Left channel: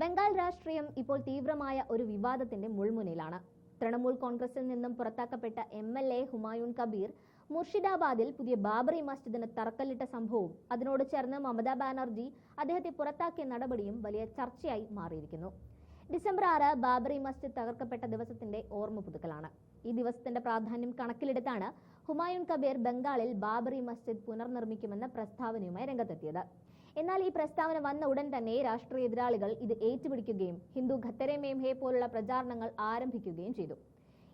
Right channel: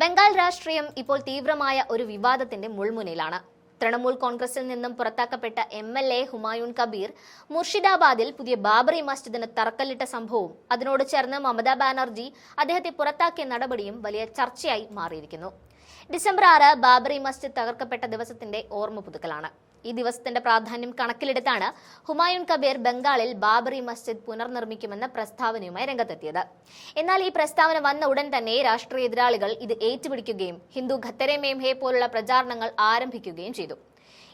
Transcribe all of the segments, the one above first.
ബംഗാൾ രാഷ്ട്രീയം ഇപ്പോൾ തീവ്രമായ ഒരു വിവാദത്തിന്റെ മുൾമുനയിലാണ്. തൃണമൂൽ കോൺഗ്രസിൽ നിന്നും പുറത്താക്കപ്പെട്ട MLA ഹുമായൂൺ കബീർ മുർഷിദാബാദിൽ പുതിയ ബാബറി മസ്ജിദിന് തറക്കല്ലിട്ട സംഭവവും അതിനോട് ചേർന്ന് മമതാ ബാനർജി അദ്ദേഹത്തെ പുറത്താക്കിയ നടപടിയും വലിയ ചർച്ചയായി മാറിയിരിക്കുന്നു. ഡിസംബർ 6 ബാബറി മസ്ജിദ് തകർക്കപ്പെട്ട ദിവസത്തിന്റെ ഓർമ്മ പുതുക്കലാണ്. ഈ ദിവസത്തിന്റെ പ്രാധാന്യം കണക്കിലെടുത്താണ് ഹുമായൂൺ കബീർ ബംഗാളിൽ ബാബറി മസ്ജിദ് പുനർനിർമ്മിക്കുമെന്ന പ്രസ്താവനയുമായി രംഗത്തെത്തിയത്. എന്നാൽ ഈ പ്രസ്താവന വന്ന ഉടൻ തന്നെ രാഷ്ട്രീയ എതിരാളികൾ ഇത് ഏറ്റുപിടിക്കുകയും ഹിന്ദു ഖത്തരെ മേംഹെ പോലുള്ള പ്രചാരണങ്ങൾ ആരംഭിക്കുകയും ചെയ്തു.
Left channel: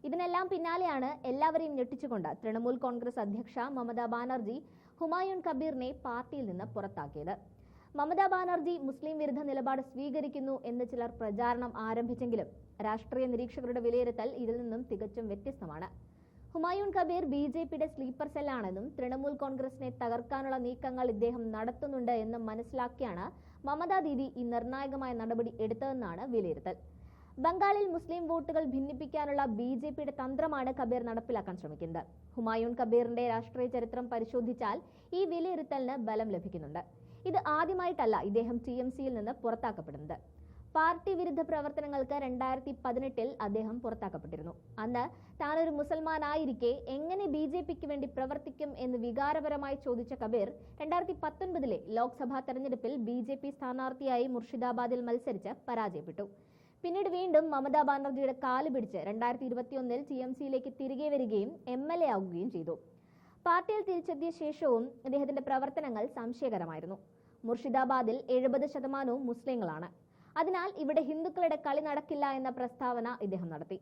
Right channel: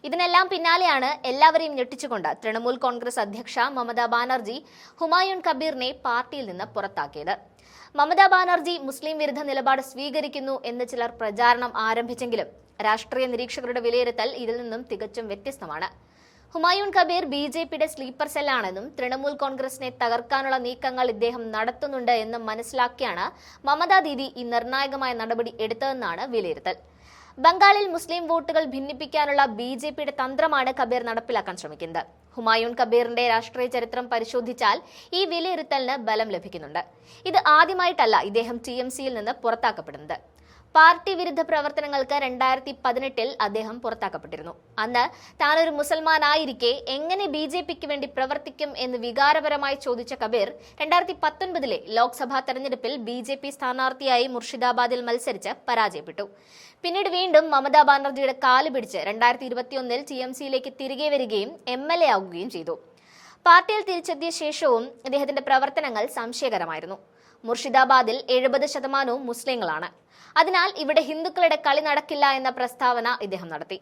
ഇതിനെല്ലാം പിന്നാലെയാണ് എല്ലാവരെയും ഞെട്ടിച്ചുകൊണ്ട് തൃണമൂൽ കോൺഗ്രസ് അധ്യക്ഷ മമതാ ബാനർജി ഹുമായൂൺ കബീറിനെ പാർട്ടിയിൽ നിന്ന് പുറത്താക്കിയത്. മമതാ ബാനർജി മുസ്ലിം വിരുദ്ധ നിലപാട് സ്വീകരിക്കുന്നു എന്ന് ചിലർ പ്രചാരണം ആരംഭിച്ചെങ്കിലും രാഷ്ട്രീയ നിരീക്ഷകരുടെ വിലയിരുത്തൽ ഇതിൽ നിന്നും തികച്ചും വ്യത്യസ്തമാണ്. ഹുമായൂൺ കബീർ BJPയുടെ സ്ലീപ്പർ സെല്ലാണെന്നും തൃണമൂൽ കോൺഗ്രസിനെ തകർക്കാനുള്ള നീക്കങ്ങൾ ഇദ്ദേഹം നടത്തുന്നുണ്ട് എന്നും മനസ്സിലാക്കിയാണ് മമതാ ദീദി ഈ നിർണായകമായ നടപടി എടുത്തതെന്നാണ് വിലയിരുത്തൽ. ബംഗാളിൽ മുസ്ലിം വോട്ടുകൾ ഭിന്നിപ്പിക്കാനുള്ള BJPയുടെ തന്ത്രമാണ് കബീർ നടപ്പിലാക്കാൻ ശ്രമിക്കുന്നത്. ഹുമായൂൺ കബീറിന്റെ രാഷ്ട്രീയ ചരിത്രം പരിശോധിച്ചാൽ ഈ വിലയിരുത്തലിന് ബലം ലഭിക്കുന്നുണ്ട്. ഇത് ആദ്യമായിട്ടല്ല ഇദ്ദേഹം TMCയിൽ നിന്ന് പുറത്താക്കപ്പെടുന്നത്. പാർട്ടി വിരുദ്ധ പ്രവർത്തനങ്ങൾക്ക് 2018 അദ്ദേഹം പുറത്താക്കപ്പെട്ടിരുന്നു. അന്ന് താനൊരു മുസൽമാനായിരിക്കെ എങ്ങനെ BJPക്ക് വേണ്ടി പ്രവർത്തിക്കും എന്ന് വികാരപരമായി ചോദിച്ച കബീർ 2019 ലോക്സഭാ തെരഞ്ഞെടുപ്പിൽ BJP സ്ഥാനാർത്ഥിയായി മുർഷിദാബാദിൽ മത്സരിച്ച് പരാജയപ്പെട്ടു. പിന്നീട് വീണ്ടും മമതാ ബാനർജിയുടെ കാല് പിടിച്ച് 2021 TMCയിലേക്ക് തിരികെ വരികയും MLA ആവുകയും ചെയ്തു. പാർട്ടിയിൽ തിരിച്ചെത്തിയ ശേഷവും അദ്ദേഹത്തിന്റെ പ്രവർത്തനങ്ങൾ സംശയകരമായിരുന്നു. മുർഷിദാബാദിൽ 70% മുസ്ലിങ്ങളാണ്. അതിനാൽ ഇവിടെ ഹിന്ദുക്കളുടെ കളി നടക്കില്ല എന്ന പ്രസ്താവന ഇദ്ദേഹം നടത്തി.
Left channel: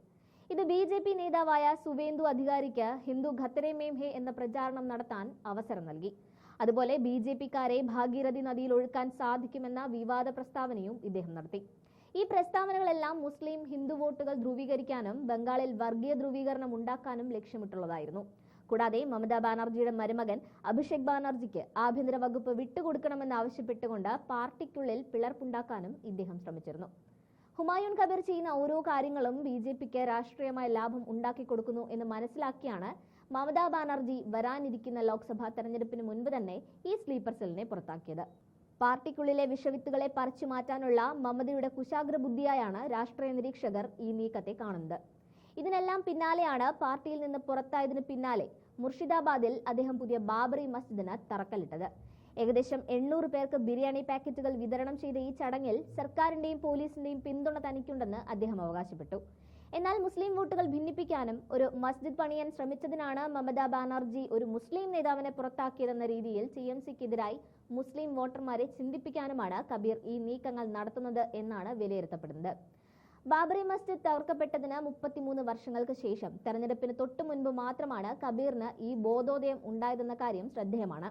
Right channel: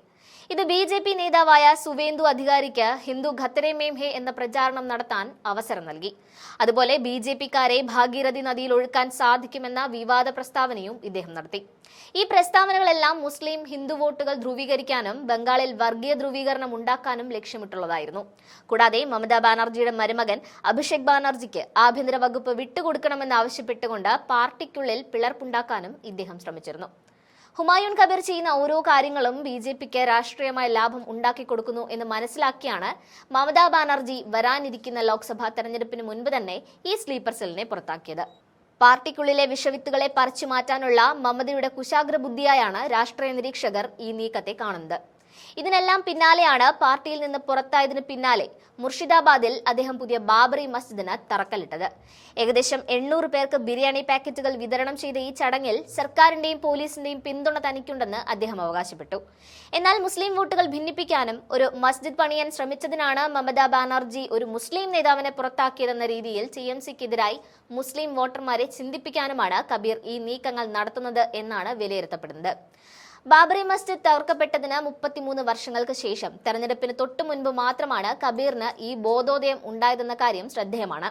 ഇത് BJP നേതാവായ സുവേന്ദു അധികാരിക്ക് ഹിന്ദു ഖത്തരെ മേംഹെ എന്ന പ്രചാരണം നടത്താൻ അവസരം നൽകി. അതുപോലെ BJPക്കാരെ ഭാഗീരഥി നദിയിൽ ഒഴുക്കാൻ സാധിക്കുമെന്ന വിവാദ പ്രസ്താവനയും ഇദ്ദേഹം നടത്തി. ഈ പ്രസ്താവനകളെല്ലാം മുസ്ലിം ഹിന്ദു വോട്ടുകൾ ധ്രുവീകരിക്കാനും ബംഗാളിൽ വർഗീയ ധ്രുവീകരണം ഉണ്ടാക്കാനും ലക്ഷ്യമിട്ടുള്ളതായിരുന്നു. കൂടാതെ മമതാ ബാനർജിയുടെ മരുമകൻ അഭിഷേക് ബാനർജിക്ക് ആഭ്യന്തര വകുപ്പ് വിട്ടുകൊടുക്കണമെന്ന് ആവശ്യപ്പെട്ടുകൊണ്ട് പാർട്ടിക്കുള്ളിൽ പിളർപ്പുണ്ടാക്കാനും ഇദ്ദേഹം ശ്രമിച്ചിരുന്നു. ഹുമായൂൺ കബീർ ചെയ്യുന്ന ഓരോ കാര്യങ്ങളും BJPക്ക് രാഷ്ട്രീയമായ ലാഭം ഉണ്ടാക്കി കൊടുക്കുന്നു എന്ന് മനസ്സിലാക്കിയാണ് മമതാ ബാനർജി വരാനിരിക്കുന്ന ലോക്സഭാ തെരഞ്ഞെടുപ്പിന് മുൻപ് തന്നെ ഈ സ്ലീപ്പർ സെല്ലിനെ പുറത്താക്കിയത്. പാർട്ടിക്കുള്ളിലെ വിഷവിത്തുകളെ പറിച്ചു മാറ്റാനുള്ള മമതയുടെ കുശാഗ്ര ബുദ്ധിയായാണ് രാഷ്ട്രീയ നിരീക്ഷകർ ഈ നീക്കത്തെ കാണുന്നത്. ഇതിനെല്ലാം പിന്നാലെയാണ് പാർട്ടിയിൽ നിന്ന് പുറത്തായതിനു പിന്നാലെ മുർഷിദാബാദിൽ അദ്ദേഹം പുതിയ ബാബറി മസ്ജിദിന് തറക്കല്ലിട്ടത്. ഏകദേശം 800 പേർക്ക് ബിരിയാണി പാക്കറ്റുകൾ വിതരണം ചെയ്ത ഈ ചടങ്ങിൽ സർക്കാരിന്റെയും പോലീസിന്റെയും പിന്തുണ തനിക്കുണ്ടെന്ന് അദ്ദേഹം അവകാശപ്പെട്ടു. എന്നാൽ മുസ്ലിം വോട്ടുകൾ ഭിന്നിപ്പിക്കാനും ഒരു മസ്ജിദ് പണിയാൻ ശ്രമിച്ചതിനാണ് മമതാ ബാനർജി ഒരു മുസ്ലിം നേതാവിനെ പുറത്താക്കിയതെന്ന രീതിയിൽ TMCക്കെതിരായി മുസ്ലിം വോട്ടർമാരെ ചിന്തിപ്പിക്കാനുമാണ് കബീർ ഈ നീക്കങ്ങൾ നടത്തുന്നത് എന്നാണ് വിലയിരുത്തപ്പെടുന്നത്. ബാബറി മസ്ജിദ് തകർക്കപ്പെട്ടതിന് 33 വർഷങ്ങൾക്ക് ശേഷം തെരഞ്ഞെടുപ്പിന് തൊട്ടു മുൻപ് മാത്രമാണ് കബീറിന് ഈ ബോധോദയം ഉണ്ടായതെന്ന കാര്യം ശ്രദ്ധേയമാണ്.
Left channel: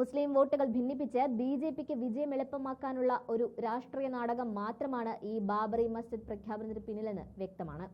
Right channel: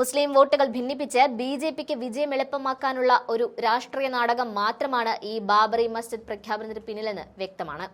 മുസ്ലിം വോട്ടുകൾ ഭിന്നിപ്പിച്ച് BJPക്ക് വിജയം എളുപ്പമാക്കാനുള്ള ഒരു രാഷ്ട്രീയ നാടകം മാത്രമാണ് ഈ ബാബറി മസ്ജിദ് പ്രഖ്യാപനത്തിന് പിന്നിലെന്ന് വ്യക്തമാണ്.